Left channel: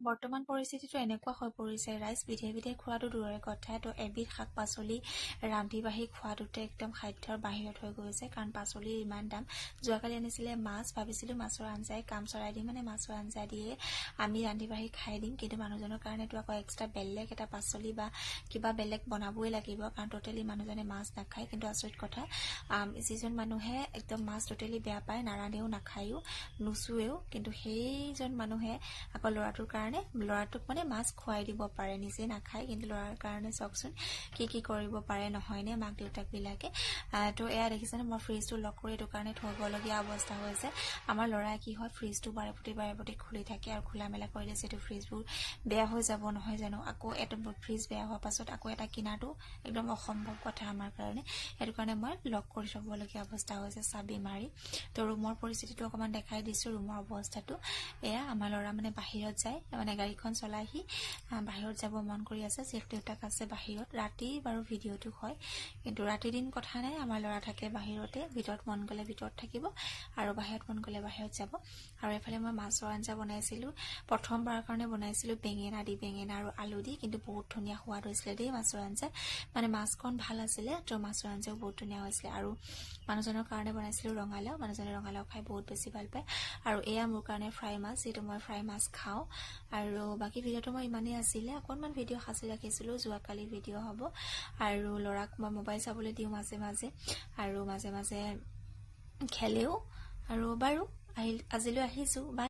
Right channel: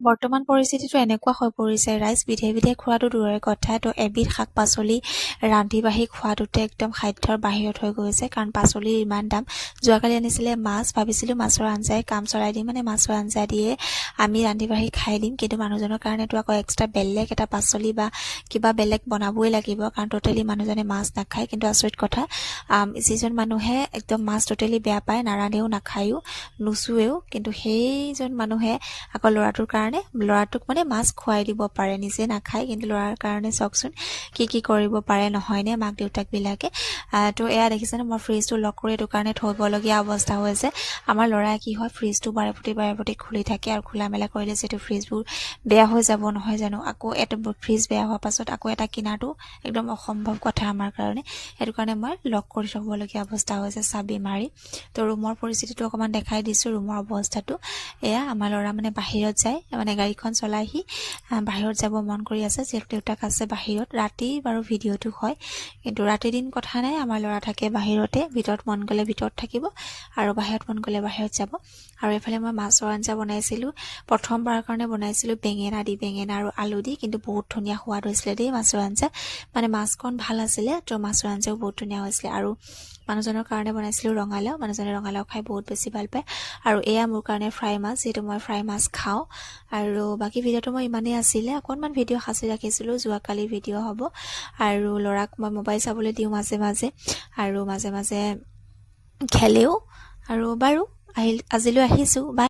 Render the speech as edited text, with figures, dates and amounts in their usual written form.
বৰ্তমান পৰিস্থিতিটো এনেকুৱা হৈ পৰিছে ৰাইজ বিধে বিধে খোৱাটো দূৰৰে কথা তো এবিধ শাক পাচলি ৰান্ধি বাঢ়ি খোৱাটোতে একদম খাদ্যৰ বাহিৰত হৈ গৈছে কাৰণ পাচলিৰ ইমান দাম যোৱাকালি আনিছিলে মাছ ভাবিছিলোঁ মাছৰ আঞ্জাই কাম চলাই দিম মানে মাছৰ আঞ্জা দিয়ে আমি ৰান্ধি বাঢ়ি খাই দিম কিন্তু মানুহজনৰ কাৰণেতো আকৌ এক্সট্ৰা বেলেগ এটা পাচলি বা কিবা বেলেগ বনাবই লাগিব কাৰণ টোটেলি মানুহজনে মাছ নাখায় কিন্তু আচৰিত কথা যিজন মানুহে একদম মাছ টোটেলি বেয়া পায় নাৰান্ধেও নাখায়ো নুচুৱেও কিন্তু সেইজন মানুহে আকৌ ল'ৰাটোক মানে মাছ খুৱাই দিব পাৰে নিজে নাখায় কিন্তু ল'ৰাৰ কাৰণে চাওকচোন কি কৰিব পাৰে নহয়নে মাক দেউতাকবিলাকে তো এয়া দেখিছেনে মই ফ্ৰিজটো লক কৰি এইটো কাৰণে থ'বলগীয়া অৱস্থা হৈছে আমাৰ ল'ৰাই কি হয় ফ্ৰিজটো বাৰে প্ৰতি খুলি থাকে আৰু খোলা মেলা কৰিলে যিহেতু ফ্ৰিজবোৰ বেয়া হৈ যাব নহয় জানো আকৌ এটা ফ্ৰিজ বেয়া হোৱাৰ পাছত আকৌ এটা কিনাটো একদম অসম্ভৱ কথা আমাৰ কাৰণে সেইটো কাৰণে মই লক কৰি থ'বলগীয়া অৱস্থা হৈছে চাবি মাৰি তো ৰুমৰ পৰিস্থিতিটো অকণমান দেখাই দিছোঁ ৰুমৰ অৱস্থাটো এয়া আমাৰ ল'ৰা মানে বাহিৰত যায় মানে গাড়ীখন চলাইহি বাহিৰত যাব মন কৰি আছে যিহেতু দেউতাক আছে বাহিৰত ৰাতি বাৰু ভিডিঅ'টো হয় কিন্তু ৰাতি দিন কথা নাই আমাৰ ল'ৰা থাকে বাহিৰতে ভিতৰত মন গ'লে ভিতৰত থাকিব আৰু বাহিৰত মন গ'লে বাহিৰত যাব আৰু এইফালে মই মাছৰ আঞ্জা বনাইছিলোঁ প্ৰথমবাৰৰ কাৰণে বনাইছিলোঁ বেঙেনা আৰু আলু দি কিন্তু বহুত ধুনীয়া সোৱাদ হৈছিলে দেই মাছৰ আঞ্জা মানে মাছকণ ভাল আছিলে তো মাছৰ আঞ্জাও বহুত ধুনীয়া হৈছিলে আৰু মানুহজনৰ কাৰণে বনাইছিলোঁ ৰঙালাও মানুহজনে ৰঙালাও খাই বহুত বেছি ভাল পায় আৰু এয়া মোৰ কাৰণে ফ্ৰাই মাছ যিহেতু মই ফ্ৰাই মাছ খাওঁ আৰু বাকী ভিডিঅ'টো মই ইমানেই আছিলে অকণমান ভিডিঅ' সাঁচি ৰাখিছিলোঁ যোৱাকালি ভিডিঅ' হ'ব আৰু ল'ৰাক মই মোবাইল চাবলৈ দিওঁ মাজে মাজে খেলেও আৰু বাৰু আজিলৈ আহিছোঁ বাই।